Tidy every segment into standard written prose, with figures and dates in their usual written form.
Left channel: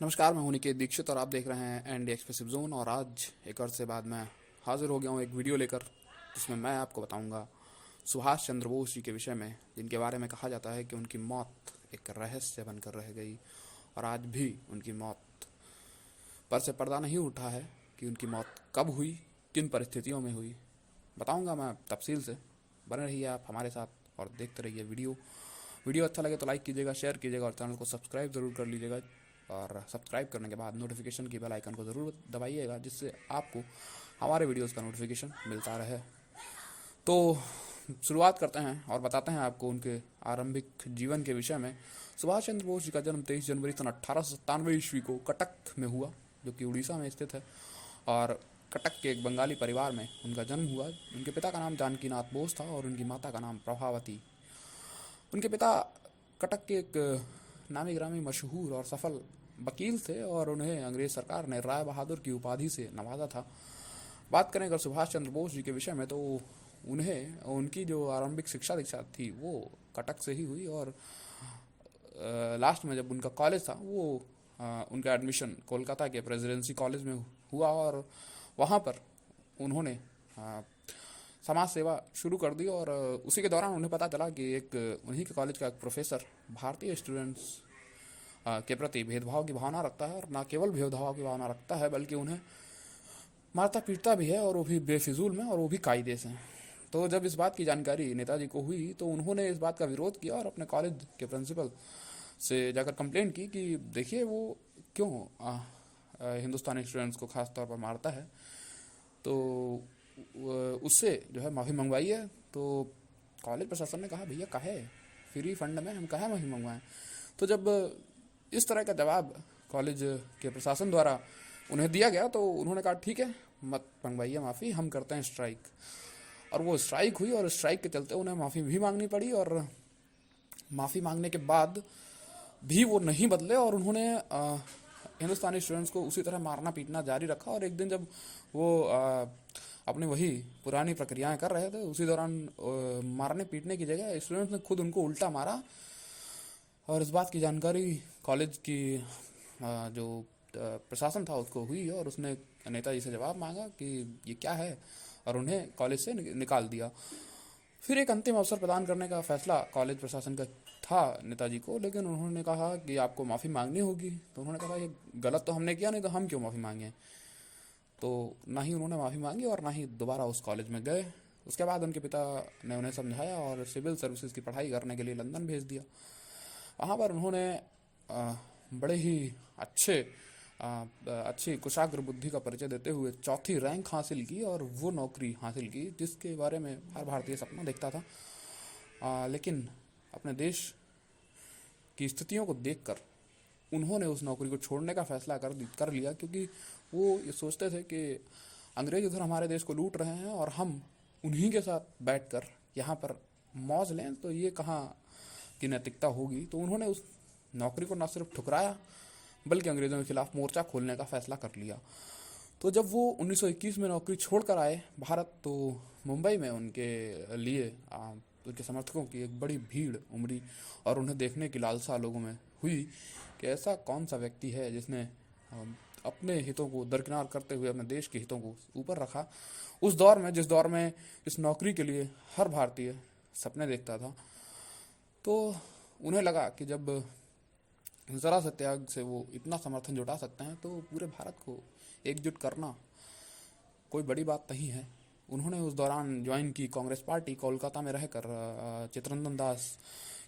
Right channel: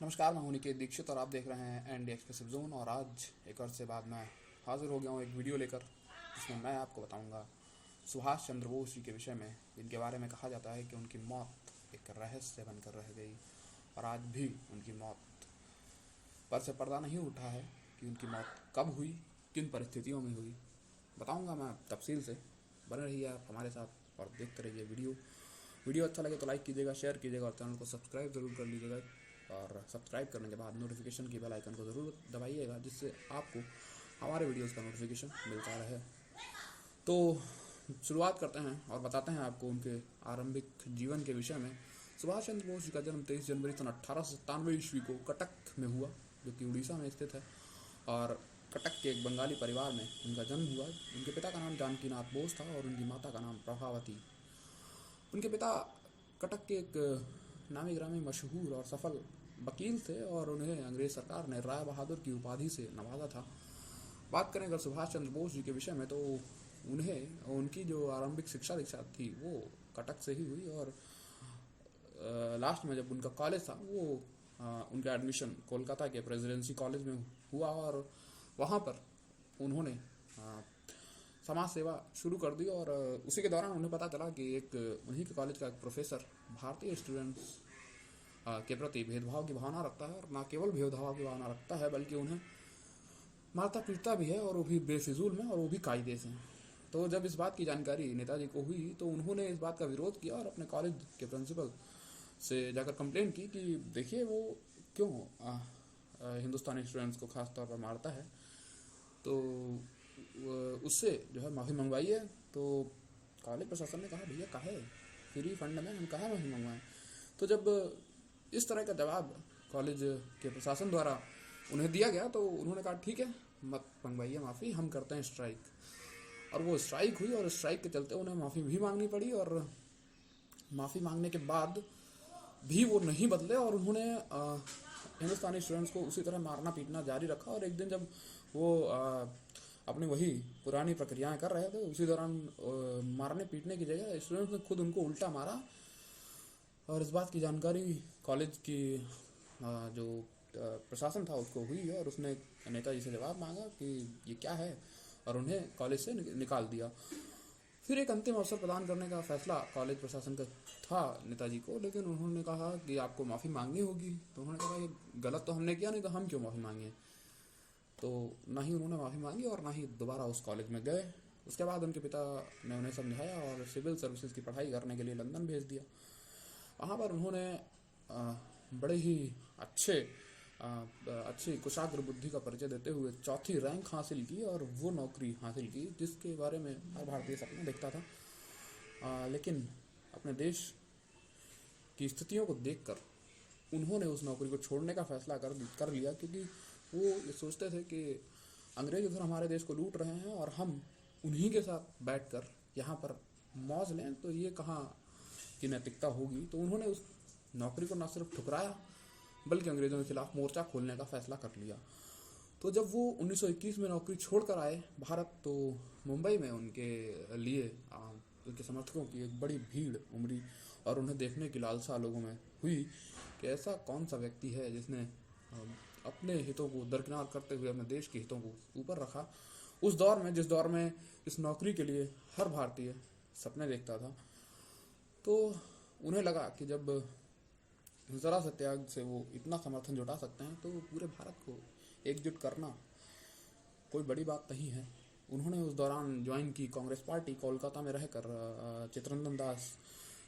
नमस्कार, मैं हूं निकेत दीक्षित और आप देख रहे हैं एनडी एक्सप्रेसिव जोन। और आज एक अर्से बाद मैं हाजिर हो गया हूं एक वीडियो लेकर, जिसमें मैं आपको बताऊंगा सुभाष चंद्र बोस जी के विषय में, जिनके बारे में कहा जाता है कि उनकी मौत एक रहस्य बनकर रह गई और आज भी उनकी मौत पर से पर्दा नहीं उठा है कि उनकी मौत कब हुई, किन परिस्थितियों में हुई। बताऊंगा मैं तफसील से। बने रहिए आप हमारे साथ और देखते रहिए वीडियो अच्छा लगे तो लाइक कीजिएगा, शेयर कीजिएगा और चैनल को सब्सक्राइब ज़रूर कर लीजिएगा। और सब्सक्राइब करने के बाद नोटिफिकेशन की बेल आइकन को ज़रूर दबाइएगा, जिससे आपको हमारे वीडियोस का नोटिफिकेशन मिलता रहे। तो शुरुआत करते हैं और बताते हैं आपको उनके आरंभिक जीवन के विषय में। सुभाष चंद्र बोस जी का जन्म 23 जनवरी सन 1897 ईस्वी को कटक में हुआ, जो कि उड़ीसा में स्थित है। और कटक के एक बंगाली परिवार में उनका जन्म हुआ। उनके पिता का नाम जानकीनाथ बोस था और उनकी माता का नाम प्रभावती। उनके पिता कटक के एक नामी ग्रामी मशहूर और सफल वकील थे और उन्हें अंग्रेज सरकार ने राय बहादुर की उपाधि से नवाजा था। बात करें अगर सुभाष चंद्र बोस जी के विषय में, तो उन्हें उनकी जो आरंभिक शिक्षा दीक्षा थी वो कटक से ही हुई। और लास्ट में जब उनका कॉलेज था वो उनका एडमिशन कोलकाता के प्रेसिडेंसी कॉलेज में हुआ और वहाँ पर उन्होंने समाज सेवा शुरू कर दी। और उसी के दौरान उन्हें पता चला कि एक उन्हीं के कॉलेज का एक प्रोफेसर भारतीय स्टूडेंट्स के प्रति भेदभाव की भावना रखता है, और न केवल भेदभाव की भावना रखता है बल्कि उन्हें मारता पीटता भी है, और वो भी बेफिजूल में और वो भी कायदे से। तो जब इस बात की जानकारी नेताजी को हुई तो उन्होंने इस बात का विरोध किया और अपने कॉलेज के प्रिंसिपल से जाकर कंप्लेंट की कि देखिए वो क्यों हिंदुस्तानी स्टूडेंट्स को खास तौर पर मारता है, तो उससे जो है माफ़ी मंगवाइए। तो कॉलेज प्रशासन ने कहा भैया काहे फ्री फंड में हम काहे माफ़ी मंगवाएं। तो जब इस तरह का जवाब कॉलेज के प्रशासन द्वारा उन्हें दिया गया तो उन्होंने कहा ठीक है, मत मंगवाइए माफ़ी, हम करते हैं स्ट्राइक। और वो स्ट्राइक हुई और स्ट्राइक के चलते उन्हें माफ़ी भी मांगनी पड़ी। और माफ़ी मांगने के बाद भी वो नहीं बदले और उन्होंने हिंदुस्तानी स्टूडेंट्स को उसी तरह मारना पीटना जारी रखा। और एक दिन जब वो अपनी वही पुरानी प्रक्रियाएं कर रहे थे, उसी दौरान मारने पीटने की जगह स्टूडेंट्स ने खुद उनको उल्टा मारा। और इस बात की जानकारी कॉलेज की जो प्रशासन था उसको हुई और उसने नेताजी से जवाब मांगा कि ये क्या है, और उन्हें कॉलेज से निकाल दिया। फिर एक अंतिम अवसर प्रदान करने का फैसला कॉलेज प्रशासन का था नेताजी को, लेकिन उन्होंने कहा कि आपको माफ़ी मांगनी होगी। तो उन्होंने कहा ये गलत तो हमने किया नहीं, तो हम क्यों माफ़ी मांगें। तो ना ही उन्होंने माफ़ी मांगी और ना ही दोबारा उस कॉलेज में गए। उसके बाद उनके पिता ने उन्हें समझाया और सिविल सर्विसेज की पढ़ाई करने के लिए लंदन भेज दिया। वहाँ पर उन्होंने बड़े ही अच्छी कुशाग्र बुद्धि का परिचय देते हुए चौथी रैंक हासिल की और वो नौकरी हासिल की जिसके बारे में हर भारतीय सपना देखता था। लेकिन अपने देश की स्थितियों को देखकर उन्होंने उस नौकरी को छोड़ने का फैसला कर लिया, क्योंकि वो ये सोचते थे कि अंग्रेज उधर हमारे देश को लूट रहे हैं और हम उन्हीं के साथ बैठकर यहाँ पर मौज लें, तो ये कहाँ की नैतिकता होगी। तो उन्होंने उस नौकरी को न सिर्फ ठुकराया बल्कि अंग्रेज़ों के खिलाफ मोर्चा खोलने का फैसला कर लिया। तो जब वो 1921 में नौकरी छोड़कर आए भारत, तो मुंबई में उनके लिए उनके समर्थकों की एक बड़ी भीड़ उमड़ी और उन्हें देखने की लालसा लोगों में हुई कि ऐसा कौन सा व्यक्ति है जिसने अपने हितों को दरकिनार करते हुए अपने देश के हितों को ऊपर रखा। उस दौर में, जिस दौर में इस नौकरी के लिए हर भारतीय सपने देखता था, तो उन्हें लगा कि जब ज़रा से त्याग से वो इतना समर्थन जुटा सकते हैं तो पूरे भारत को एकजुट करना कोई बड़ी बात नहीं है। उन्होंने उस दौरान ज्वाइन की कांग्रेस पार्टी कोलकाता में रहकर चित्तरंजन दास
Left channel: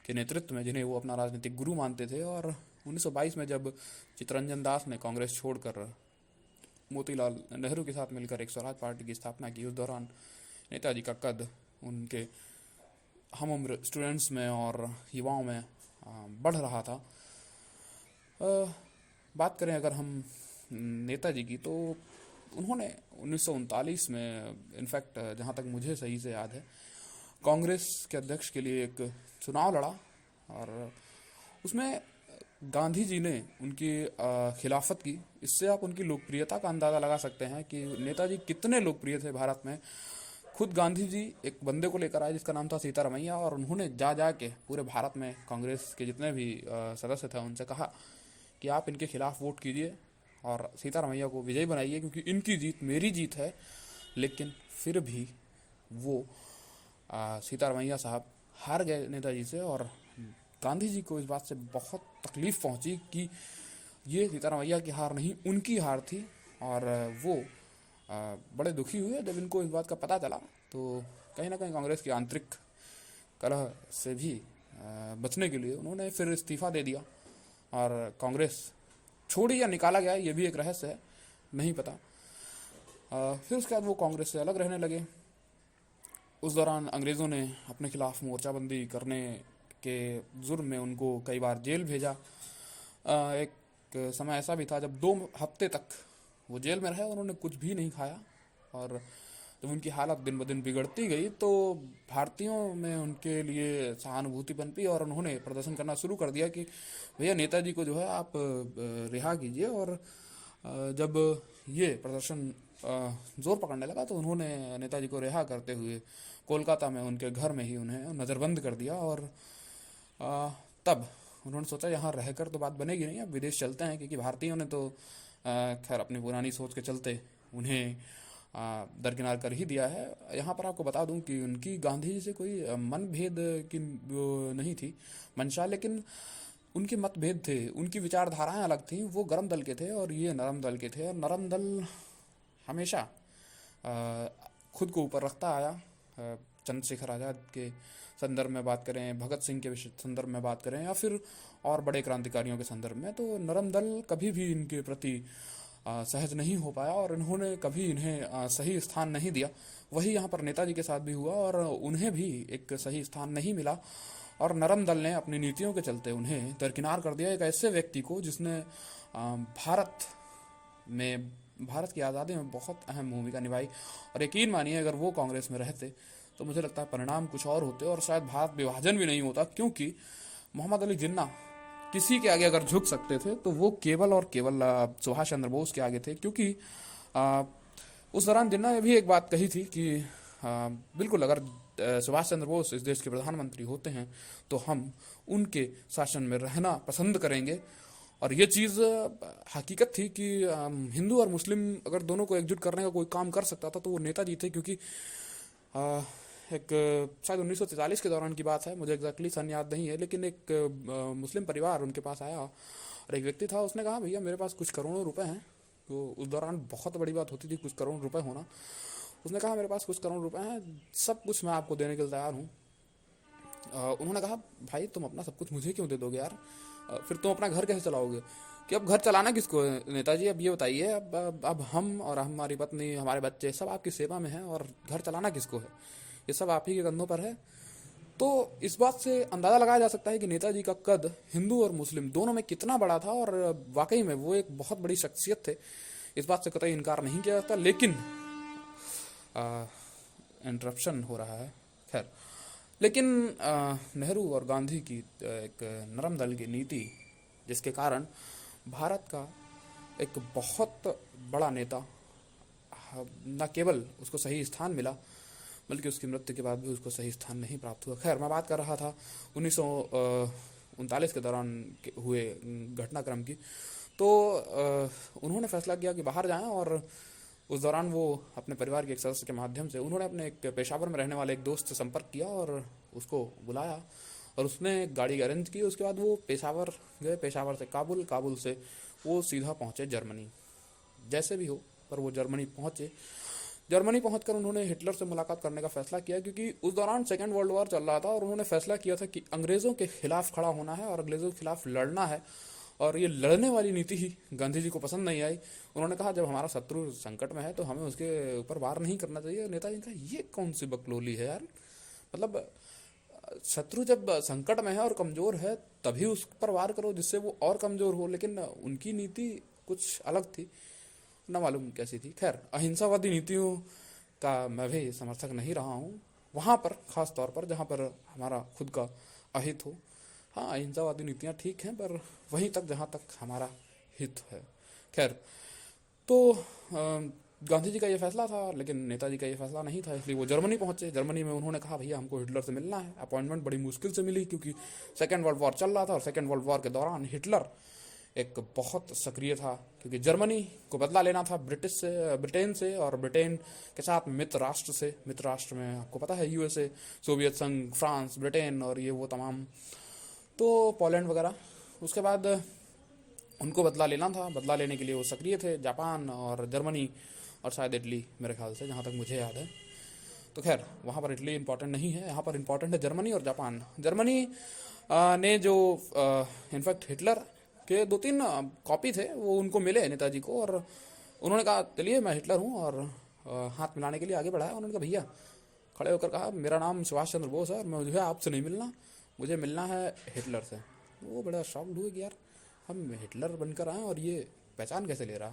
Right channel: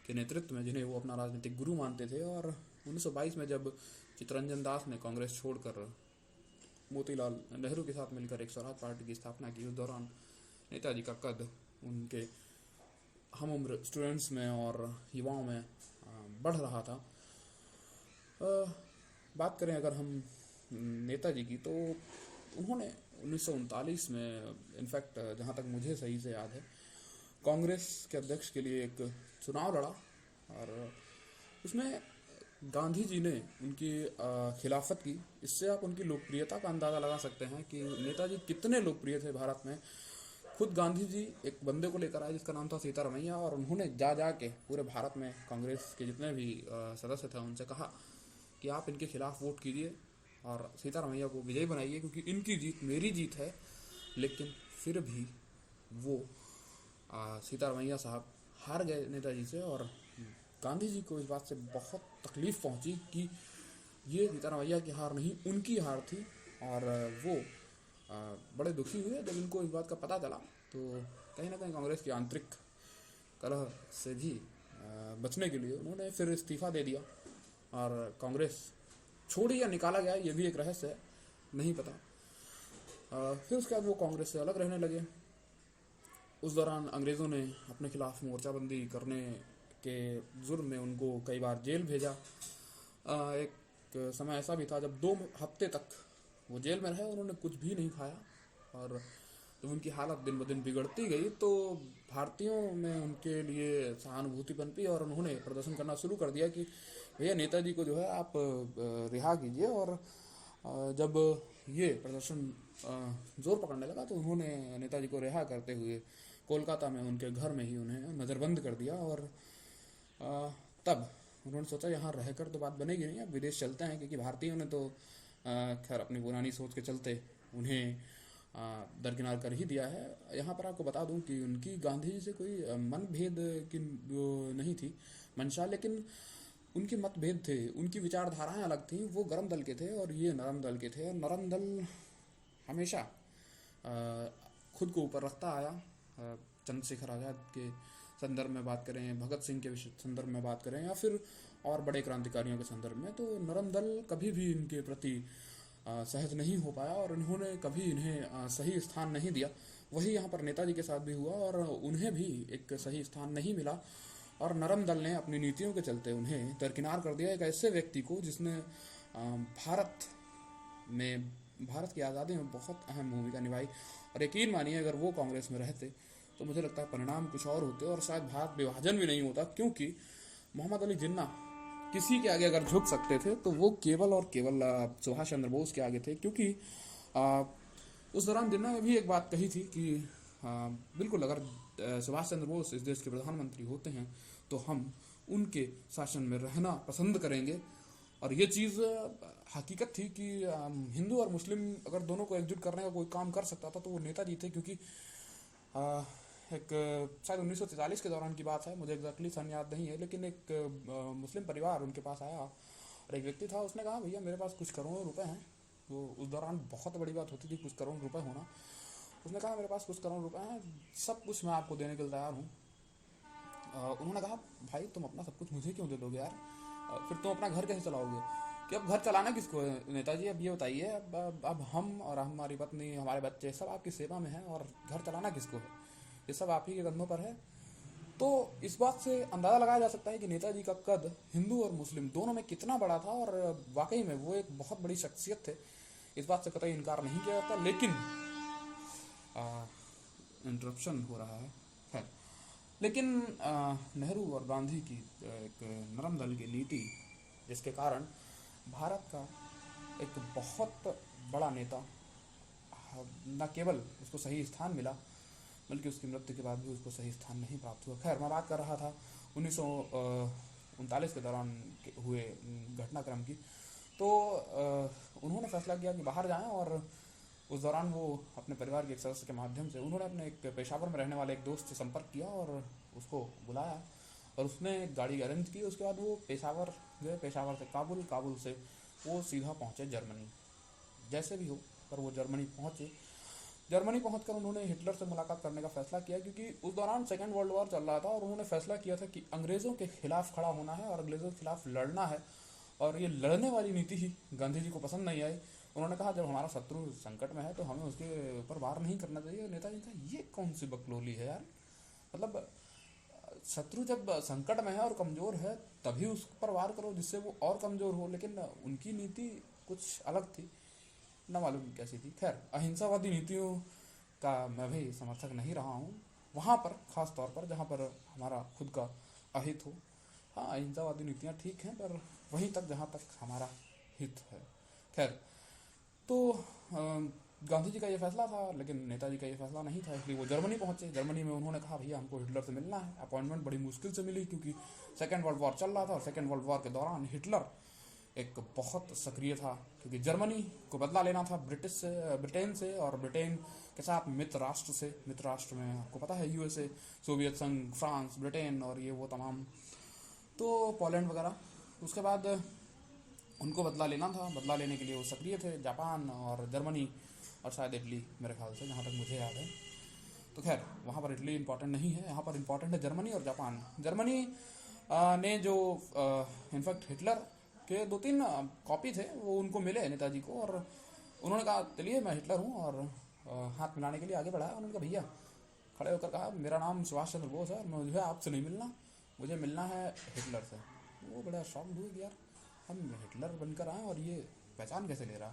के नेतृत्व में, जिन्हें वो अपना राजनीतिक गुरु मानते थे। और 1922 में जब चित्तरंजन दास ने कांग्रेस छोड़कर मोतीलाल नेहरू के साथ मिलकर एक स्वराज पार्टी की स्थापना की, उस दौरान नेताजी का कद उनके हम उम्र स्टूडेंट्स में और युवाओं में बढ़ रहा था। बात करें अगर हम नेताजी की, तो उन्होंने 1939 में, इनफैक्ट जहाँ तक मुझे सही से याद है, कांग्रेस के अध्यक्ष के लिए एक चुनाव लड़ा और उसमें गांधी जी ने उनकी खिलाफत की। इससे आप उनकी लोकप्रियता का अंदाज़ा लगा सकते हैं कि नेताजी कितने लोकप्रिय थे भारत में। खुद गांधी जी एक बंदे को लेकर आए जिसका नाम था सीतारमैया, और उन्होंने जा के पूरे भारत में कांग्रेस के जितने भी सदस्य थे उनसे कहा कि आप इनके खिलाफ वोट कीजिए और सीतारमैया को विजयी बनाइए, क्योंकि इनकी जीत मेरी जीत है। लेकिन फिर भी वो सीतारमैया साहब हार गए नेताजी से, और गांधी जी को इस बात से बहुत तकलीफ़ पहुंची कि ये सीतारमैया की हार नहीं, उनकी हार थी। और वो बड़े दुखी हुए जब इनको इस बात का पता चला। तो कहीं ना कहीं कांग्रेस की आंतरिक कलह से भी बचने के लिए उन्होंने फिर इस्तीफ़ा दे दिया और कांग्रेस छोड़ी या निकाला गया, ये भी एक रहस्य है, नहीं पता। फिर उसके बाद वो कांग्रेस से अलग रहने लगे। उस दौरान अंग्रेज़ों ने अपने खिलाफ मोर्चाबंदी करने के जुर्म में उनको कई बार जेल भेजा। एक समय ऐसा भी था जब 2 हफ्ते तक वो जेल में रहे, उन्होंने कुछ भी नहीं खाया। और जब उनकी हालत दिन ब दिन बिगड़ती गई तो भारतीयों में उनके लिए सहानुभूति पनपी और उन्होंने प्रदर्शन करना शुरू कर दिया कि भैया नेताजी को जो है आप रिहा कीजिए। और जब ये प्रदर्शन जोर पकड़ने लगा तो उन्होंने नेताजी को रिहा करते हुए कोलकाता में उनके घर में ही उन्हें नज़रबंद कर दिया। और तब उन्होंने सोचा यहाँ रहकर तो बात बनेगी नहीं, अब विदेश चलते हैं, क्योंकि भारतीयों ने तो खैर अपनी पुरानी सोच के चलते उन्हें दरकिनार कर ही दिया है। यहाँ पर आपको बता दूं कि उनकी गांधी जी से कोई मनभेद की नहीं थी मंशा, लेकिन उनके मतभेद थे, उनकी विचारधाराएं अलग थीं। वो गर्म दल के थे और ये नरम दल के थे। और नरम दल हमेशा खुद को ऊपर रखता आया। चंद्रशेखर आज़ाद के संदर्भ में बात करें, भगत सिंह के संदर्भ में बात करें, या फिर और बड़े क्रांतिकारियों के संदर्भ में, तो नरम दल कभी भी इनके प्रति सहज नहीं हो पाया और इन्होंने कभी इन्हें सही स्थान नहीं दिया। वही यहाँ पर नेताजी के साथ भी हुआ और उन्हें भी एक सही स्थान नहीं मिला। और नरम दल ने अपनी नीतियों के चलते उन्हें दरकिनार कर दिया, एक ऐसे व्यक्ति को जिसने भारत की आज़ादी में बहुत अहम भूमिका निभाई। और यकीन मानिए अगर वो कांग्रेस में रहते तो मुझे लगता है परिणाम कुछ और होते और शायद भारत विभाजन भी नहीं होता, क्योंकि मोहम्मद अली जिन्ना किसी के आगे अगर झुक सकते थे तो वो केवल और केवल सुभाष चंद्र बोस के आगे थे। क्योंकि उस दौरान जिन्ना ने भी एक बात कही थी कि बिल्कुल अगर सुभाष चंद्र बोस इस देश के प्रधानमंत्री होते हैं तो हम उनके शासन में रहना पसंद करेंगे। और ये चीज़ हकीकत थी कि हिंदू और मुस्लिम अगर दोनों को एकजुट करने का कोई काम कर सकता था तो वो नेताजी थे। क्योंकि एक शायद 1943 के दौरान की बात है, मुझे एग्जैक्टली सन याद नहीं है, लेकिन एक मुस्लिम परिवार उनके पास आया और एक व्यक्ति था, उसने कहा भैया मेरे पास कुछ करोड़ों रुपए हैं। तो उस दौरान बहुत बड़ी बात होती थी कुछ करोड़ रुपए होना। उसने कहा मेरे पास कुछ करोड़ रुपए हैं, सब कुछ मैं आपको देने के लिए तैयार हूँ। उन्होंने कहा भाई तुम अपना सब कुछ मुझे क्यों दे दोगे यार, फिर तुम अपना घर कैसे चलाओगे? कि अब घर चलाना किसको है नेताजी, अब ये बताइए। अब हम और हमारी पत्नी, हमारे बच्चे सब आपकी सेवा में हैं और घर चलाना किसको है? ये सब आप ही के कंधों पर है। तो इस बात से अंदाज़ा लगाया जा सकता है कि नेताजी का कद हिंदू और मुस्लिम दोनों में कितना बड़ा था। और वाकई में वो एक बहुत बड़ी शख्सियत थे, इस बात से कतई इनकार नहीं किया जाता। लेकिन इंटरप्शन हो रहा है, खैर। लेकिन नेहरू और गांधी की एक नरम दल की नीति, जिसके कारण भारत का एक बहुत बड़ा नेता न केवल उसको सही स्थान मिला बल्कि उसकी मृत्यु के बाद भी उसको सही स्थान नहीं प्राप्त हुआ। खैर, मैं बात कर रहा था 1939 के दौरान हुए घटनाक्रम की। तो उन्होंने फैसला किया कि बाहर जाएं और उस दौरान वो अपने परिवार के एक सदस्य के माध्यम से उन्होंने अपने एक पेशावर में रहने वाले एक दोस्त से संपर्क किया और उसको बुलाया और उसने गाड़ी अरेंज की। उसके बाद वो पेशावर गए, पेशावर से काबुल, काबुल से वो सीधा पहुँचे जर्मनी। जैसे भी हो पर वो जर्मनी पहुँचे। जर्मनी पहुंचकर उन्होंने हिटलर से मुलाकात करने का फैसला किया, क्योंकि उस दौरान सेकेंड वर्ल्ड वॉर चल रहा था और उन्होंने फैसला किया था कि अंग्रेज़ों के खिलाफ खड़ा होना है और अंग्रेज़ों के खिलाफ लड़ना है। और ये लड़ने वाली नीति ही गांधी जी को पसंद नहीं आई। उन्होंने कहा जब हमारा शत्रु संकट में है तो हमें उसके ऊपर वार नहीं करना चाहिए। नेताजी ने कहा ये कौन सी बकलोली है यार, मतलब शत्रु जब संकट में है और कमज़ोर है तभी उस पर वार करो जिससे वो और कमज़ोर हो। लेकिन उनकी नीति कुछ अलग थी, न मालूम कैसी थी। खैर, अहिंसावादी नीतियों का मैं भी समर्थक नहीं रहा हूँ वहाँ पर, ख़ास तौर पर जहाँ पर हमारा खुद का अहित हो। हाँ, अहिंसावादी नीतियाँ ठीक हैं पर वहीं तक जहाँ तक हमारा हित है। खैर, तो गांधी जी का ये फैसला था, लेकिन नेताजी का ये फैसला नहीं था, इसलिए वो जर्मनी पहुँचे। जर्मनी में उन्होंने कहा भैया हमको हिटलर से मिलना है। अपॉइंटमेंट बड़ी मुश्किल से मिली क्योंकि सेकेंड वर्ल्ड वॉर चल रहा था और सेकेंड वर्ल्ड वॉर के दौरान हिटलर एक बहुत सक्रिय था, क्योंकि जर्मनी को बदला लेना था ब्रिटेन से, और ब्रिटेन के साथ मित्र राष्ट्र से। मित्र राष्ट्र में आपको पता है यूएसए, सोवियत संघ, फ्रांस, ब्रिटेन और ये वो तमाम, तो पोलैंड वगैरह। उसके बाद उनको बदला लेना था, बदला लेने के लिए वो सक्रिय थे, जापान और जर्मनी और शायद इटली, मेरे ख्याल से जहाँ तक मुझे याद है। तो खैर वहाँ पर इटली इंपॉर्टेंट नहीं है, यहाँ पर इंपॉर्टेंट है जर्मनी और जापान। जर्मनी ने जो इनफैक्ट हिटलर के 2-3 कॉपी थे वो उनको मिले नेताजी को, और उन्होंने कहा चलिए मैं हिटलर हूँ, और हाथ मिलाने के लिए आगे बढ़ाया। उन्होंने कहा भैया, खड़े होकर कहा मेरा नाम सुभाष चंद्र बोस है और मुझे आपसे नहीं मिलना, मुझे मिलना है हिटलर से। वो बड़ा शॉक्ड हुए कि यार हम हिटलर बनकर आए और ये पहचान कैसे ले रहा।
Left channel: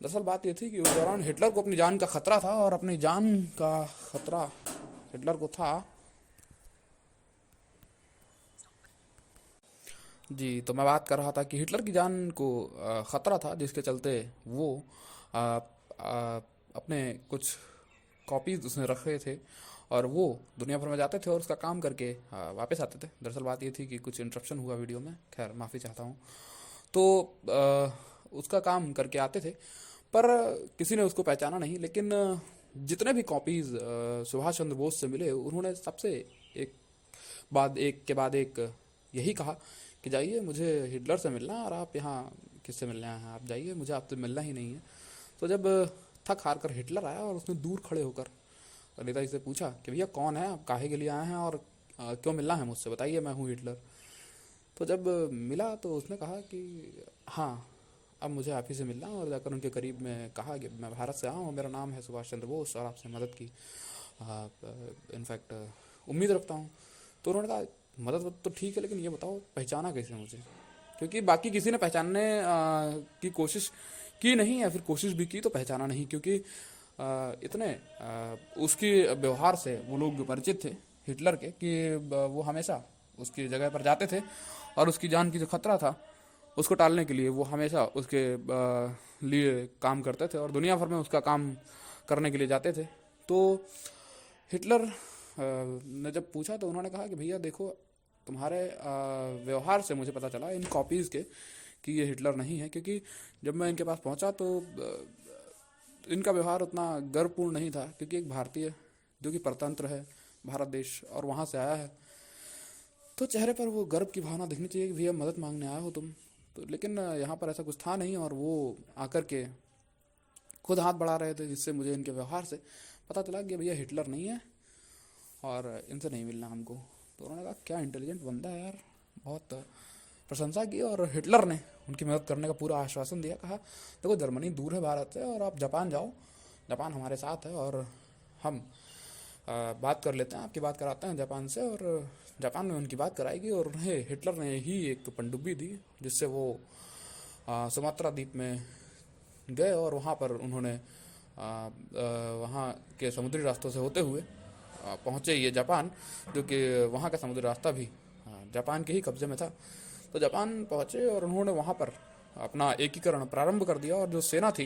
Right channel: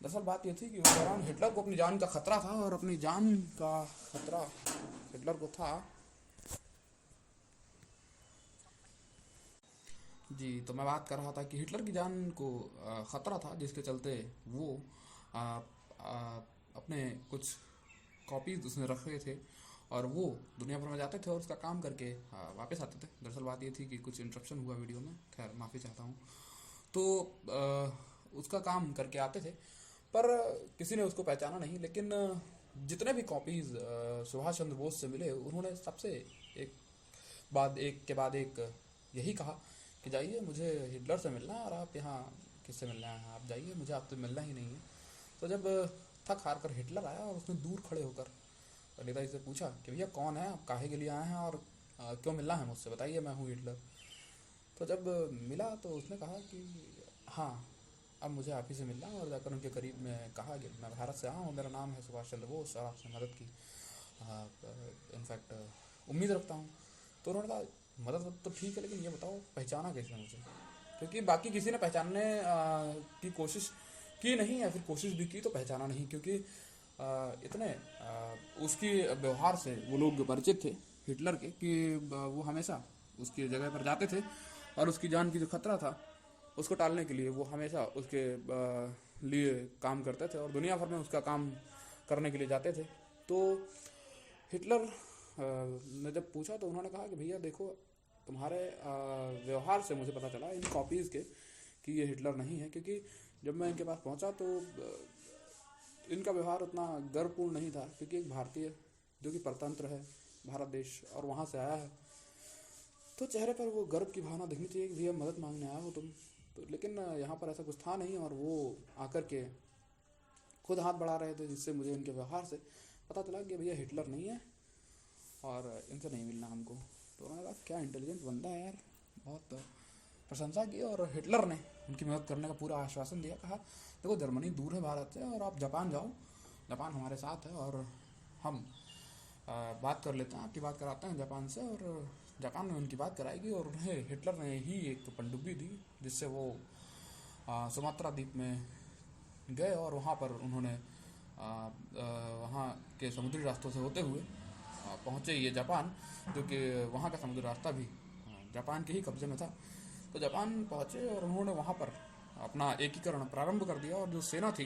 दरअसल बात ये थी कि उस दौरान हिटलर को अपनी जान का खतरा था, और अपनी जान का खतरा हिटलर को था। जी, तो मैं बात कर रहा था कि हिटलर की जान को खतरा था, जिसके चलते वो आ, आ, अपने कुछ कॉपीज उसने रखे थे, और वो दुनिया भर में जाते थे और उसका काम करके वापस आते थे। दरअसल बात ये थी कि कुछ इंटरप्शन हुआ वीडियो में, खैर माफ़ी चाहता हूँ। तो उसका काम करके आते थे, पर किसी ने उसको पहचाना नहीं। लेकिन जितने भी कॉपीज सुभाष चंद्र बोस से मिले, उन्होंने सबसे एक एक के बाद एक यही कहा कि जाइए मुझे हिटलर से मिलना है, और आप यहाँ किससे मिलने आए हैं, आप जाइए, मुझे आपसे मिलना ही नहीं है। तो जब थक हार कर हिटलर आया और उसने दूर खड़े होकर नेताजी से पूछा कि भैया कौन है आप, काहे के लिए आए हैं, और क्यों मिलना है मुझसे, बताइए, मैं हूँ हिटलर। तो जब मिला तो उसने कहा कि हाँ, अब मुझे आप ही से मिलना, और जाकर उनके करीब में कहा कि मैं भारत से आया हूँ, मेरा नाम है सुभाष चंद्र बोस, और आपसे मदद की इनफैक्ट उम्मीद रखता हूँ। तो उन्होंने कहा मदद तो ठीक है, लेकिन ये बताओ पहचाना कैसे मुझे, क्योंकि बाकी किसी ने पहचानने की कोशिश की नहीं, या फिर कोशिश भी की तो पहचाना नहीं, क्योंकि इतने उसकी व्यवहार से वो लोग परिचित थे हिटलर के, कि वो हमेशा उसकी जगह पर जाते थे, और उसकी जान की जो खतरा था उसको टालने के लिए वो हमेशा उसके लिए काम करते थे, और दुनिया भर में उसका काम करने के लिए जाते थे। तो हिटलर ने जब पूछा तो उन्होंने कहा कि भैया देखो, तुम्हारे व्यवहार से मुझे पता चला इन कॉपीज़ के कि ये हिटलर नहीं है, क्योंकि जब मैं इनके पास पहुंचा तो इनका व्यवहार उतना गर्वपूर्ण नहीं था, क्योंकि एक भारतीय जो कि परतंत्र है भारत देश और वहाँ से आया है, तो चेहरे पर वो गर्व की भावना दिखनी चाहिए कि भैया मदद मांगने आया हो तुम। तो लेकिन यहाँ पर ऐसा कुछ था नहीं, और वो आकर के खुद हाथ बढ़ा रहे थे, जिससे मुझे इनके व्यवहार से पता चला कि भैया हिटलर नहीं है और इनसे नहीं मिलना हमको। तो उन्होंने कहा क्या इंटेलिजेंट बंदा है यार, बहुत प्रशंसा की, और हिटलर ने उनकी मदद करने का पूरा आश्वासन दिया। कहा देखो जर्मनी दूर है भारत से, और आप जापान जाओ, जापान हमारे साथ है, और हम बात कर लेते हैं, आपकी बात कराते हैं जापान से, और जापान में उनकी बात कराएगी। और उन्हें हिटलर ने ही एक पनडुब्बी दी, जिससे वो सुमात्रा द्वीप में गए, और वहाँ पर उन्होंने वहाँ के समुद्री रास्तों से होते हुए पहुँचे ये जापान, जो कि वहाँ का समुद्री रास्ता भी जापान के ही कब्जे में था। तो जापान पहुँचे और उन्होंने वहाँ पर अपना एकीकरण प्रारंभ कर दिया, और जो सेना थी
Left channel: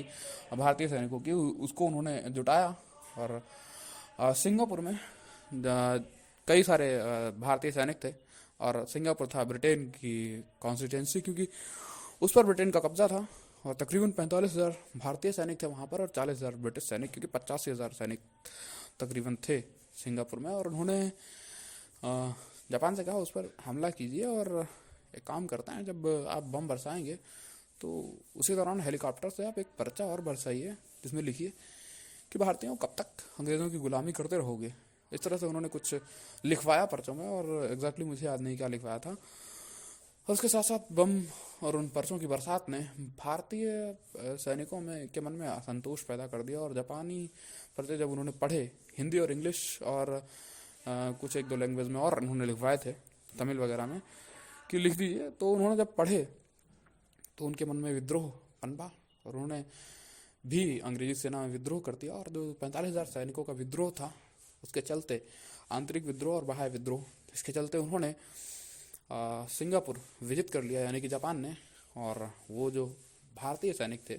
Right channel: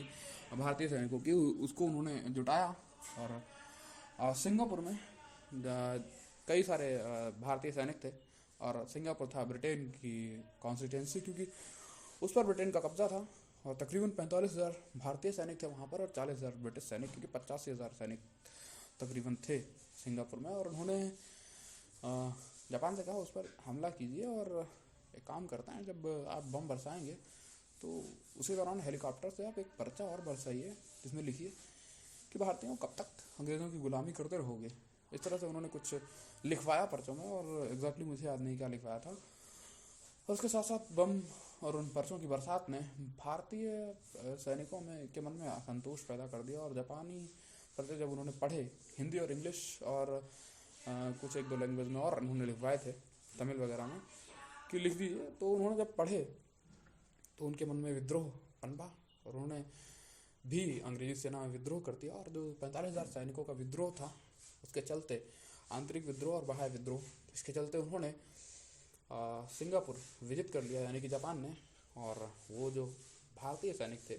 भारतीय सैनिकों की उसको उन्होंने जुटाया। और सिंगापुर में कई सारे भारतीय सैनिक थे, और सिंगापुर था ब्रिटेन की कॉन्स्टिट्यूंसी, क्योंकि उस पर ब्रिटेन का कब्जा था, और तकरीबन 45,000 भारतीय सैनिक थे वहाँ पर, और 40,000 ब्रिटिश सैनिक, क्योंकि 85,000 सैनिक तकरीबन थे सिंगापुर में। और उन्होंने जापान से कहा उस पर हमला कीजिए, और एक काम करते हैं, जब आप बम बरसाएंगे तो उसी दौरान हेलीकॉप्टर से आप एक पर्चा और बरसाइए, जिसमें लिखिए कि भारतीयों कब तक अंग्रेज़ों की गुलामी करते रहोगे। इस तरह से उन्होंने कुछ लिखवाया पर्चों में, और एग्जैक्टली मुझे याद नहीं क्या लिखवाया था। और उसके साथ साथ बम और उन पर्चों की बरसात ने भारतीय सैनिकों में के मन में असंतोष पैदा कर दिया, और जापानी पर्चे जब उन्होंने पढ़े, हिंदी और इंग्लिश और कुछ एक दो लैंग्वेज में और उन्होंने लिखवाए थे, तमिल वगैरह में, कि लिख दीजिए, तो उन्होंने जब पढ़े तो उनके मन में विद्रोह पनपा, और उन्होंने भी अंग्रेजी सेना में विद्रोह कर दिया। और जो 45,000 सैनिकों का विद्रोह था, उसके चलते आंतरिक विद्रोह और बाह्य विद्रोह, इसके चलते उन्होंने सिंगापुर विजिट कर लिया, यानी कि जापान ने। और वो जो भारतीय सैनिक थे,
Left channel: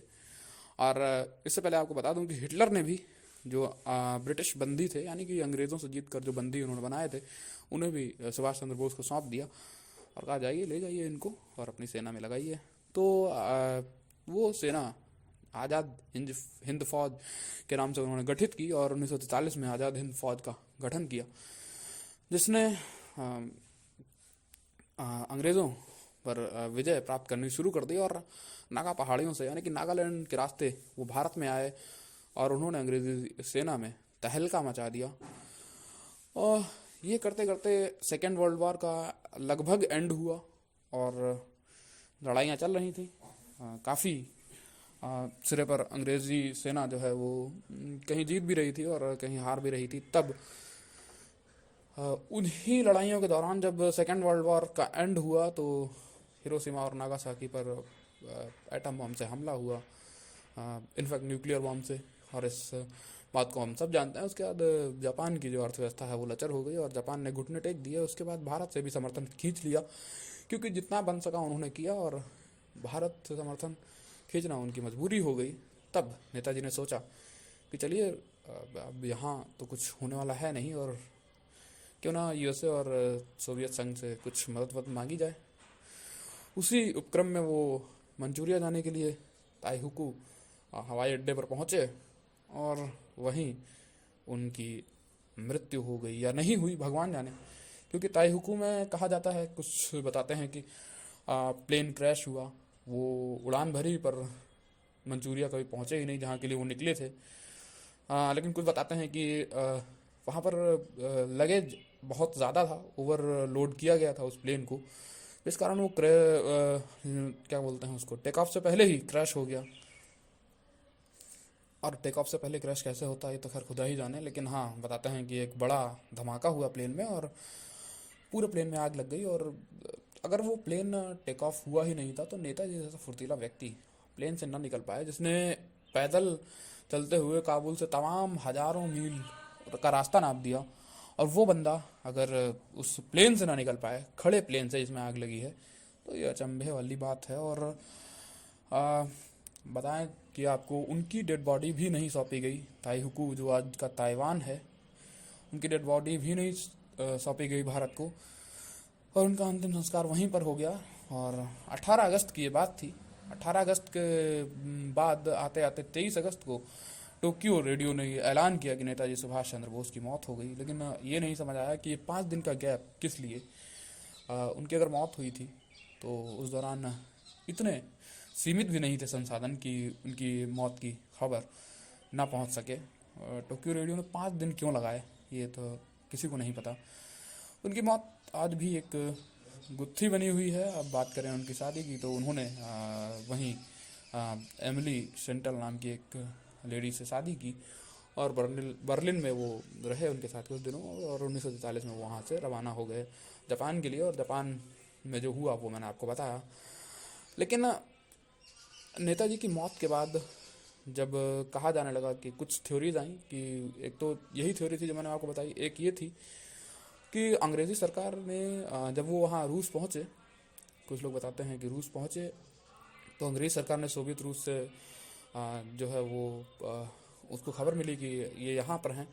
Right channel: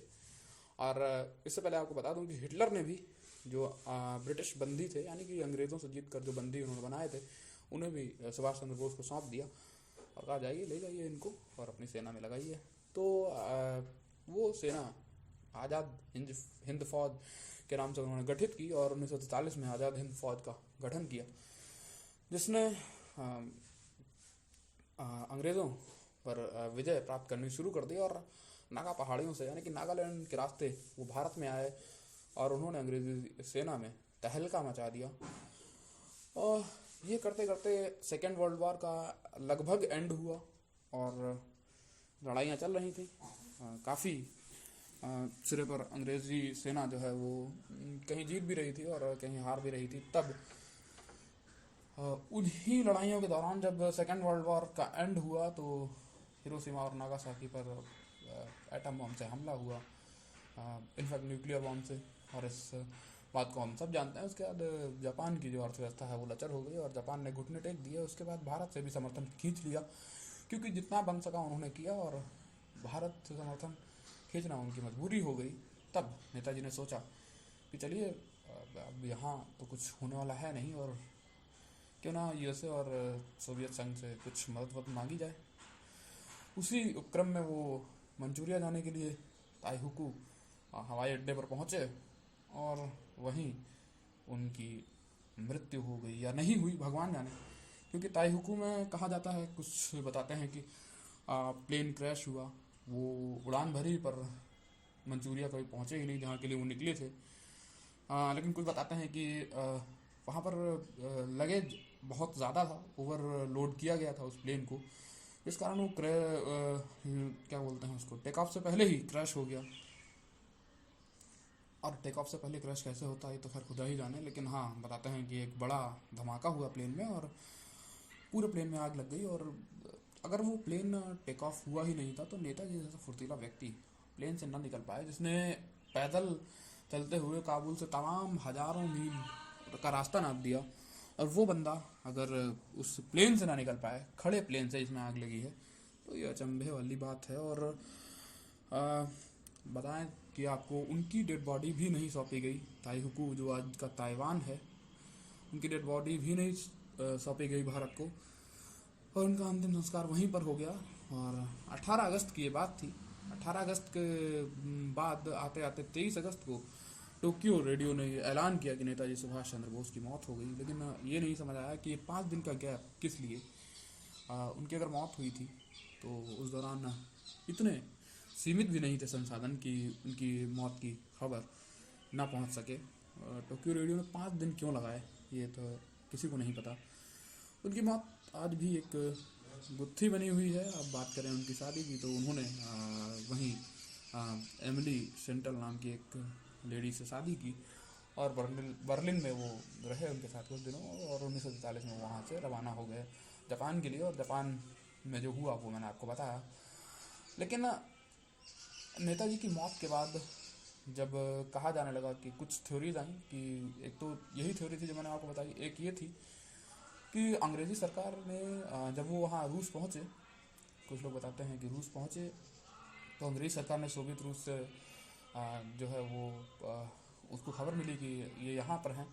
और इससे पहले आपको बता दूं कि हिटलर ने भी जो ब्रिटिश बंदी थे, यानी कि अंग्रेज़ों से जीत कर जो बंदी उन्होंने बनाए थे, उन्हें भी सुभाष चंद्र बोस को सौंप दिया, और कहा जाइए ले जाइए इनको और अपनी सेना में लगाइए। तो वो सेना आज़ाद हिंद फौज के नाम से उन्होंने गठित की और 1943 में आज़ाद हिंद फौज का गठन किया, जिसने अंग्रेज़ों पर विजय प्राप्त करनी शुरू कर दी और नागा पहाड़ियों से यानी कि नागालैंड के रास्ते वो भारत में आए और उन्होंने अंग्रेज़ी सेना में तहलका मचा दिया। और ये करते करते सेकेंड वर्ल्ड वॉर का लगभग एंड हुआ और लड़ाइयाँ चल रही थी। काफ़ी सिरे पर अंग्रेज़ी सेना जो है वो कहीं जीत भी रही थी और कहीं हार भी रही थी। तब उन्हीं लड़ाइयों के दौरान जब सेकेंड वर्ल्ड वॉर का एंड हुआ तो हिरोशिमा और नागासाकी पर एटम बम से हमला हुआ, इनफैक्ट न्यूक्लियर बम से। और इस बात को हम सब जानते हैं। उसके बाद जापान की जो अर्थव्यवस्था है वो लचर हो गई और जापान ने घुटने टेक दिए। उसके बाद भारत से भी समर्थन खींच लिया, क्योंकि जितना बन सका उन्होंने किया और भारत से समर्थन खींचना उनकी मजबूरी हो गई। तब नेताजी ने सोचा कि चलिए अब यहाँ तो कुछ होने वाला है नहीं और क्यों ना यूएसए और सोवियत संघ से कुछ मदद मांगी जाए। उसी उपक्रम में वो मंचूरिया जाने के लिए ताइहुकु हवाई अड्डे पर पहुँचे और वहीं उनकी मृत्यु हो गई या नहीं हुई, भगवान जाने। क्योंकि ताइहुकु में कहा जाता है, कुछ बताते हैं कि प्लेन क्रैश हुआ, वो उड़ान भरी पर मंचूरिया कभी पहुँचे ही नहीं जहाँ के लिए वो निकले थे। लेकिन कुछ बताते हैं कि वहाँ पर लगेज बहुत ज़्यादा था, ओवरलोड किया गया था उस प्लेन को, इस कारण वो क्या बोलते हैं उसको, टेक ऑफ से पहले ही क्रैश हो गया। और टेक ऑफ से पहले क्रैश कैसे होता है तो खैर खुदा ही जाने। लेकिन हाँ, बताते हैं कि एक बड़ा धमाका हुआ प्लेन में और पूरे प्लेन में आग लग गई। और अगर वो प्लेन टेक ऑफ हुआ ही नहीं था तो नेताजी जैसा फुर्तीला व्यक्ति प्लेन से ना निकल पाए, जिसने पैदल चलते हुए काबुल से तमाम हजारों मील का रास्ता नाप दिया, और वो बंदा अगर उस प्लेन से ना निकल पाए, खड़े प्लेन से जिसमें आग लगी है, तो ये अचंभे वाली बात है। और बताएं कि आपको उनकी डेड बॉडी भी नहीं सौंपी गई। ताइहुकु जो आज का ताइवान है, उनकी डेड बॉडी भी नहीं सौंपी गई भारत को और उनका अंतिम संस्कार वहीं पर हो गया। और 18 अगस्त की ये बात थी। 18 अगस्त के बाद आते आते 23 अगस्त को टोक्यो रेडियो ने ऐलान किया कि नेताजी सुभाष चंद्र बोस की मौत हो गई। लेकिन ये नहीं समझ आया कि ये 5 दिन का गैप किस लिए। उनकी अगर मौत हुई थी तो उस दौरान इतने सीमित भी नहीं थे संसाधन कि उनकी मौत की खबर ना पहुंच सके। टोक्यो रेडियो ने 5 दिन क्यों लगाए ये तो किसी को नहीं पता। उनकी मौत आज भी एक गुत्थी बनी हुई है। अब बात करें उनकी शादी की तो उन्होंने वहीं एमिली सेंटल नाम की एक लेडी से शादी की और बर्लिन में वो रहे उनके साथ कुछ दिनों, और 1943 में वहाँ से रवाना हो गए जापान के लिए। और जापान में जो हुआ वो मैंने आपको बताया। लेकिन नेताजी की मौत के बाद जब कहा जाने लगा कि कुछ थ्योरीज आई, कि एक तो यही थ्योरी थी जो मैंने आपको बताई, एक ये थी कि अंग्रेज़ी सरकार ने जब वो वहाँ रूस पहुँचे, कुछ लोग बताते हैं कि रूस पहुँचे तो अंग्रेज़ सरकार ने सोवियत रूस से जो है वो उसको खबर मिली कि ये यहाँ पर हैं,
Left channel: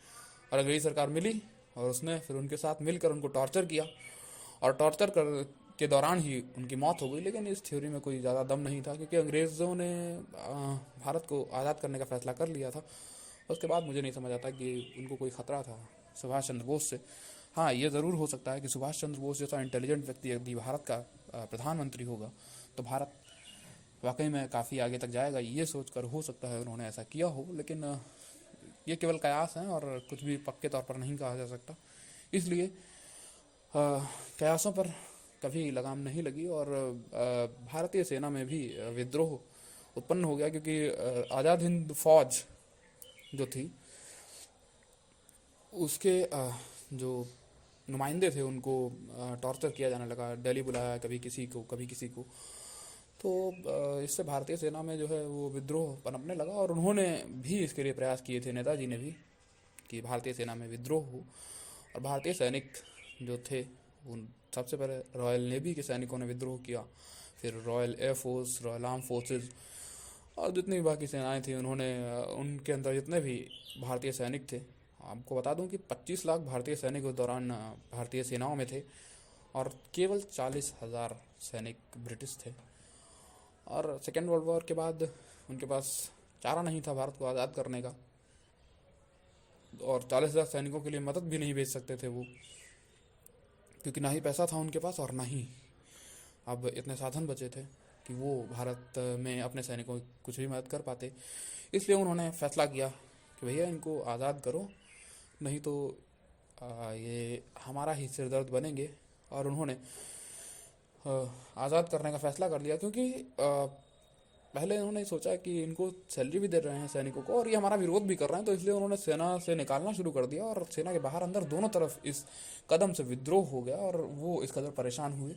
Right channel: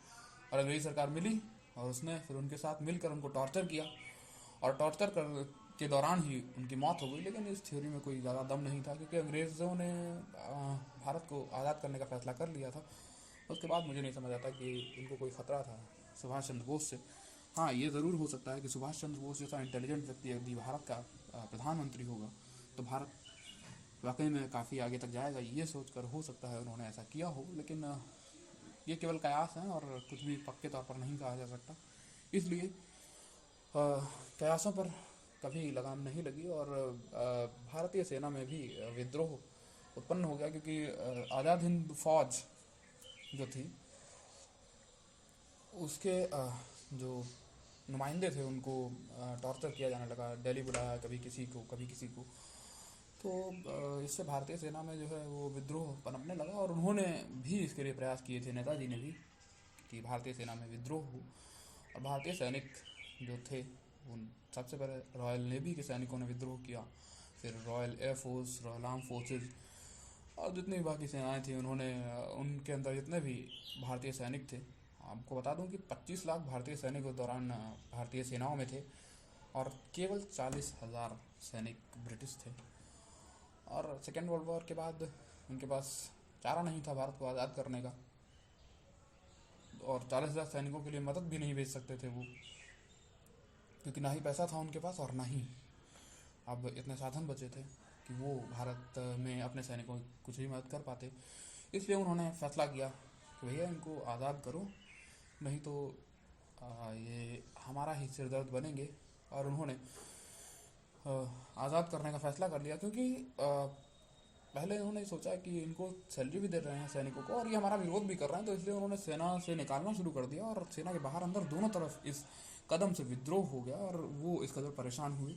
और अंग्रेज़ी सरकार मिली और उसने फिर उनके साथ मिलकर उनको टॉर्चर किया और टॉर्चर के दौरान ही उनकी मौत हो गई। लेकिन इस थ्योरी में कोई ज़्यादा दम नहीं था, क्योंकि अंग्रेज़ों ने भारत को आज़ाद करने का फैसला कर लिया था। उसके बाद मुझे नहीं समझ आता कि उनको कोई ख़तरा था सुभाष चंद्र बोस से। हाँ, ये ज़रूर हो सकता है कि सुभाष चंद्र बोस जैसा इंटेलिजेंट व्यक्ति यदि भारत का प्रधानमंत्री होगा तो भारत वाकई में काफ़ी आगे तक जाएगा, ये सोचकर हो सकता है उन्होंने ऐसा किया हो। लेकिन ये केवल कयास हैं और कुछ भी पक्के तौर पर नहीं कहा जा सकता। इसलिए कयासों पर कभी लगाम नहीं लगी और भारतीय सेना में भी विद्रोह उत्पन्न हो गया, क्योंकि आज़ाद हिंद फौज जो थी उसके जो नुमाइंदे थे उनको टॉर्चर किया जाने लगा। दिल्ली बुलाया कभी किसी को कभी किसी को, तो इससे भारतीय सेना में जो है वो विद्रोह पनपने लगा। और उन्होंने भी इसके लिए प्रयास किए थे, नेताजी ने भी, कि भारतीय सेना में विद्रोह हो। और भारतीय सैनिक जो थे उन सबसे पहले रॉयल नेवी के सैनिकों ने विद्रोह किया, फिर royal air force, royal arm forces और जितनी भी बाकी सेनाएं थी उन्होंने, उनके अंदर जितने भी भारतीय सैनिक थे, आपको बता दूं कि 25 लाख भारतीय सैनिक उस दौरान भारतीय सेनाओं में थे और केवल 40,000 सैनिक ब्रिटिश थे। और सेकेंड वर्ल्ड वॉर के बाद उनके पास चारा नहीं था भारत को आज़ाद करने का, और 40,000 सैनिकों के लिए मदद भी नहीं भेज सकते थे वो, क्योंकि ना ही पैसा था उनके पास और ना ही अब इतने साधन बचे थे कि वो भारत में अपने सैनिकों की कुछ भी मदद कर पाते। इसलिए उन्होंने फैसला किया कि भैया इनको आज़ाद करो, नहीं तो ये हमारा ही सिरदर्द बनेंगे। और उन्होंने आज़ाद करने का फैसला कर लिया, क्योंकि पहले उन्होंने सोचा कि इनको सैलरी भी दे रहे हैं सैनिकों को और ये हमारा विरोध भी कर रहे हैं, तो इसलिए उन्होंने सेना से निकालना शुरू कर दिया और सेना के बाहर अंदर दोनों तरफ इस कदम से विद्रोह हो गया। और वो इस कदर परेशान हुए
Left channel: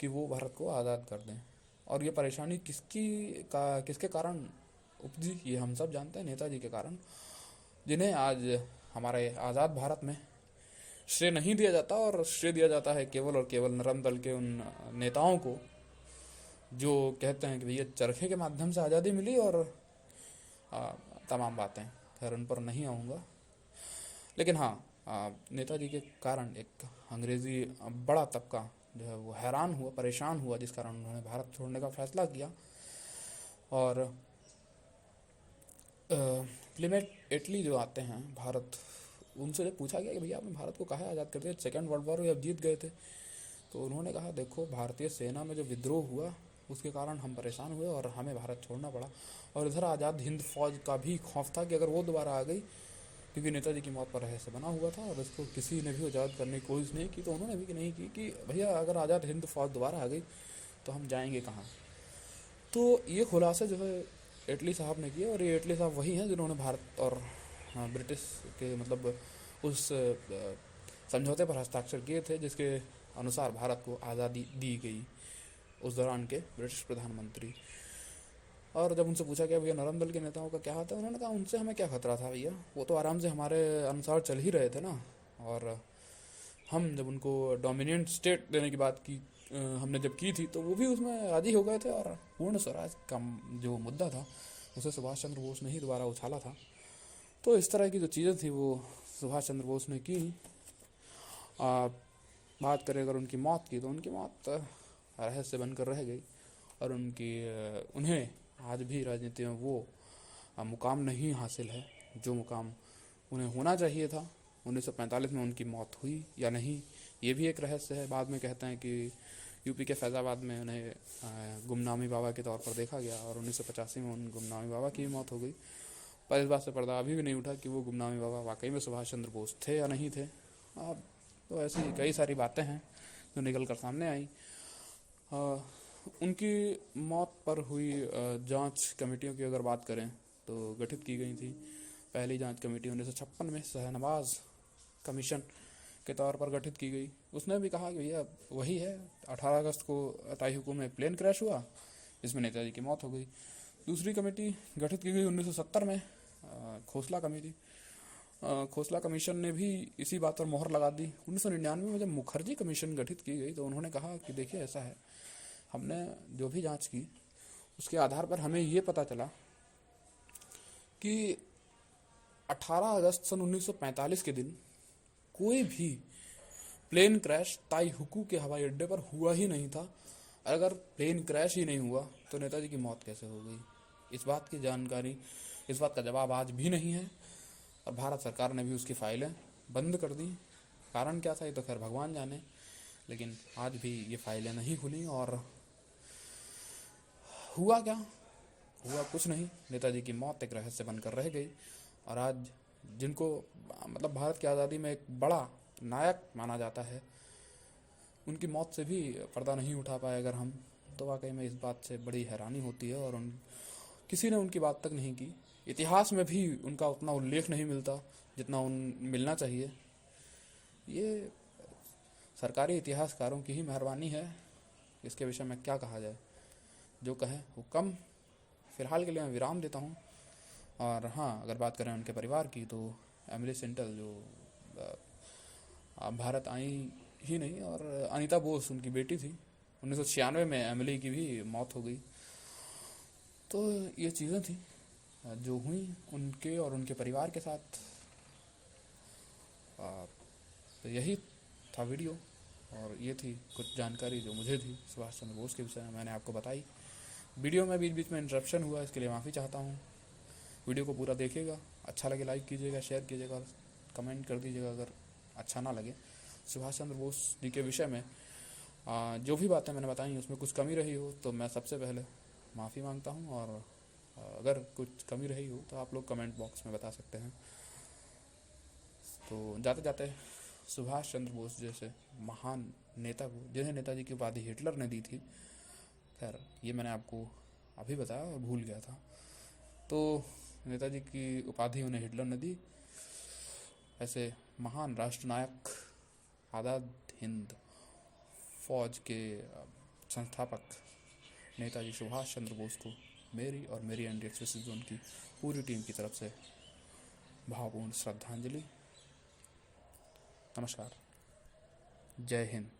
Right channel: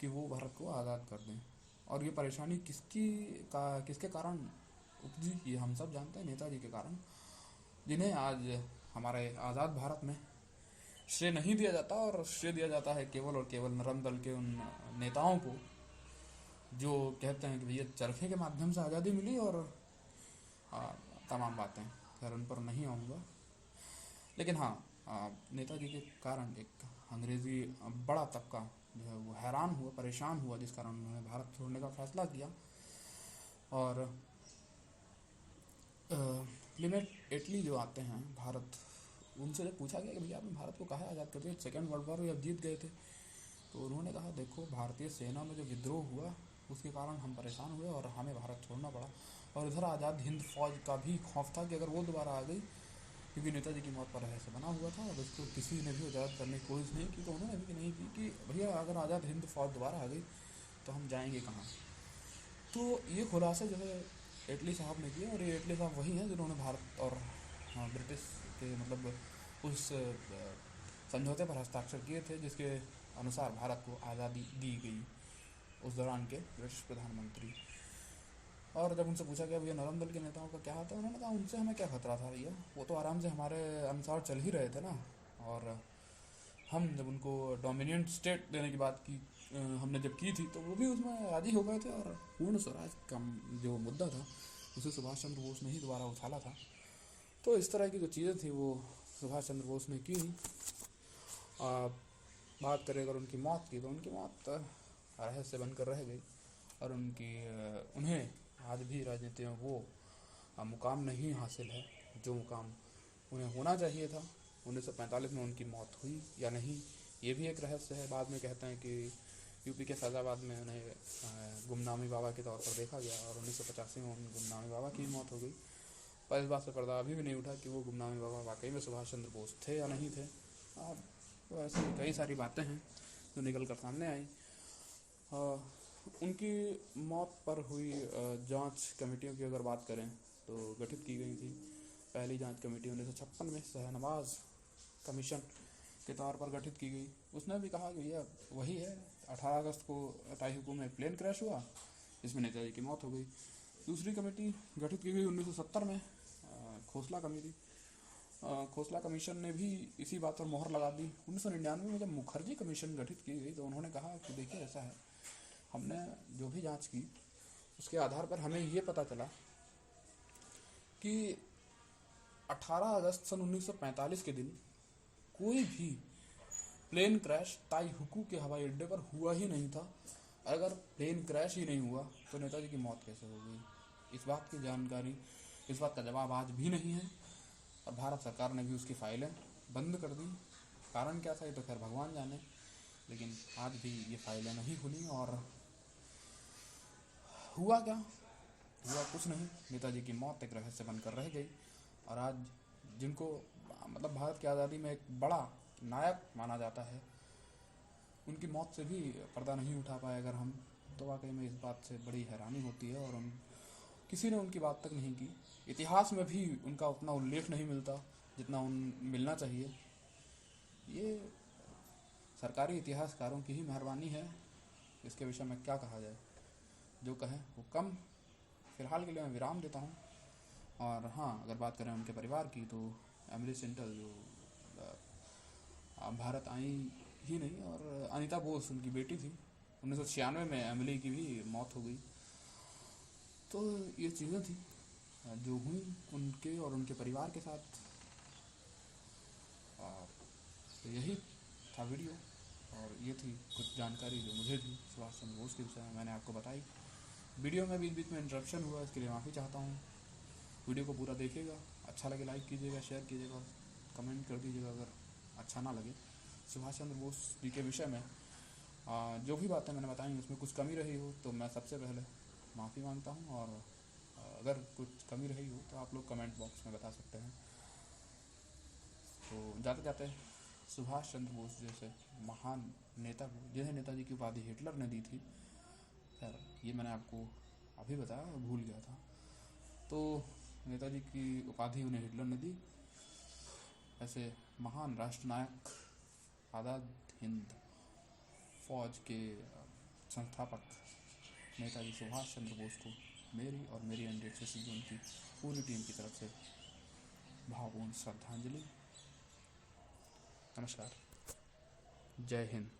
कि वो भारत को आज़ाद कर दें। और ये परेशानी किसके कारण उपजी ये हम सब जानते हैं, नेताजी के कारण, जिन्हें आज हमारे आज़ाद भारत में श्रेय नहीं दिया जाता, और श्रेय दिया जाता है केवल और केवल नरम दल के उन नेताओं को जो कहते हैं कि भैया चरखे के माध्यम से आज़ादी मिली, और तमाम बातें, खैर उन पर नहीं आऊँगा। लेकिन हाँ, नेताजी के कारण एक अंग्रेज़ी बड़ा तबका जो है वो हैरान हुआ, परेशान हुआ, जिस कारण उन्होंने भारत छोड़ने का फैसला किया। और क्लीमेट एटली जो आते हैं भारत, उनसे जब पूछा गया कि भैया आपने भारत को काहे आज़ाद कर दिया, सेकेंड वर्ल्ड वॉर में जब जीत गए थे, तो उन्होंने कहा देखो भारतीय सेना में जो विद्रोह हुआ उसके कारण हम परेशान हुए और हमें भारत छोड़ना पड़ा। और इधर आज़ाद हिंद फौज का भी खौफ था कि अगर वो दोबारा आ गई, क्योंकि नेताजी की मौत पर रहस्य बना हुआ था और उसको किसी ने भी आज़ाद करने की कोशिश नहीं की, तो उन्होंने भी नहीं की कि भैया अगर आज़ाद हिंद फौज दोबारा आ गई तो हम जाएंगे कहाँ। तो ये खुलासा जो है एटली साहब ने किया, और ये एटली साहब वही हैं जिन्होंने भारत और ब्रिटिश के मतलब उस समझौते पर हस्ताक्षर किए थे जिसके अनुसार भारत को आज़ादी दी गई, उस दौरान के ब्रिटिश प्रधानमंत्री। और जब उनसे पूछा गया भैया नरम दल के नेताओं का क्या हाथ है, उन्होंने कहा उनसे हमें क्या खतरा था भैया, वो तो आराम से हमारे अनुसार चल ही रहे थे ना। और हम जब उनको डोमिनेंट स्टेट देने की बात की हमने जब की थी, तो वो भी उसमें राजी हो गए थे, और पूर्ण स्वराज का जो मुद्दा था उसे सुभाष चंद्र बोस ने ही दोबारा उछाला था। तो इस तरह की जो चीज़ें थी वो सुभाष चंद्र बोस ने की। बात करें अगर उनकी मौत की, तो उनकी मौत रहस्य बनकर रह गई, और उन्हें आज भी राजनीति में वो मुकाम नहीं हासिल है जो मुकाम उन्हें होना चाहिए था। 1945 में उनकी मौत हुई या नहीं, ये भी एक रहस्य है। बाद में कहते हैं कि यूपी के फैज़ाबाद में उन्हें गुमनामी बाबा के तौर पर देखा गया, और 1985 में उन गुमनामी बाबा की मौत हो गई। पर इस बात से पर्दा अभी भी नहीं उठा कि वो गुमनामी बाबा वाकई में सुभाष चंद्र बोस थे या नहीं थे। तो ऐसी कई सारी बातें हैं जो निकल कर सामने आई। उनकी मौत पर हुई जांच कमेटियों की अगर बात करें तो गठित की गई थी। पहली जांच कमेटी 1956 में शहनवाज कमीशन के तौर पर गठित की गई। उसने भी कहा कि भैया वही है, 18 अगस्त को ताइहुकू में प्लेन क्रैश हुआ, इसमें नेताजी की मौत हो गई। दूसरी कमेटी गठित की गई 1970 में, खोसला कमेटी। खोसला कमीशन ने भी इसी बात पर मोहर लगा दी। 1999 में जब मुखर्जी कमीशन गठित की गई, तो उन्होंने कहा कि देखिए ऐसा है, हमने जो भी जांच की उसके आधार पर हमें ये पता चला कि 18 अगस्त सन 1945 के दिन कोई भी प्लेन क्रैश ताइहुकू के हवाई अड्डे पर हुआ ही नहीं था। अगर प्लेन क्रैश ही नहीं हुआ तो नेताजी की मौत कैसे हो गई, इस बात की जानकारी, इस बात का जवाब आज भी नहीं है। और भारत सरकार ने भी उसकी फाइलें बंद कर दी। कारण क्या था ये तो खैर भगवान जाने, लेकिन आज भी ये फाइलें नहीं खुली। और हुआ क्या, हुआ कुछ नहीं। नेताजी की मौत एक रहस्य बनकर रह गई, और आज जिनको मतलब भारत की आज़ादी में एक बड़ा नायक माना जाता है, उनकी मौत से भी पर्दा नहीं उठा पाए अगर हम, तो वाकई में इस बात से बड़ी हैरानी होती है। और किसी ने उनकी बात तक नहीं की। इतिहास में भी उनका उतना उल्लेख नहीं मिलता जितना मिलना चाहिए। ये सरकारी इतिहासकारों की ही मेहरबानी है। इसके विषय में क्या कहा जाए, जो कहें वो कम। फ़िलहाल के लिए मैं विराम देता हूँ। और हाँ, अगर बात करें उनके परिवार की, तो एमिली सेंटल जो भारत आई ही नहीं, और अनीता बोस उनकी बेटी थी। 1996 में एमिली की भी मौत हो गई। तो ये चीज़ें थी जो हुई उनके और उनके परिवार के साथ। तो यही था वीडियो, और ये थी कुछ जानकारी जो मुझे थी सुभाष चंद्र बोस के विषय में, मैंने आपको बताई। वीडियो में बीच बीच में इंटरप्शन हुआ, इसके लिए माफ़ी चाहता हूँ। वीडियो को पूरा देखिएगा, अच्छा लगे लाइक कीजिएगा, शेयर कीजिएगा, कमेंट कर दीजिएगा अगर अच्छा ना लगे। सुभाष चंद्र बोस जी के विषय में जो भी बातें मैंने बताई उसमें कुछ कमी रही हो तो मैं सबसे पहले माफ़ी मांगता हूँ, और अगर कुछ कमी रही हो तो आप लोग कमेंट बॉक्स में बता सकते हैं। तो जाते जाते सुभाष चंद्र बोस जैसे महान नेता को, जिन्हें नेताजी की उपाधि हिटलर ने दी थी, खैर ये मैंने आपको अभी बताया, भूल गया था, तो नेताजी की उपाधि उन्हें हिटलर ने दी। ऐसे महान राष्ट्रनायक, आज़ाद हिंद फौज के संस्थापक नेताजी सुभाष चंद्र बोस को मेरी और मेरी एंटी एक्सप्रेसिव जोन की पूरी टीम की तरफ से भावपूर्ण श्रद्धांजलि। नमस्कार, जय हिंद।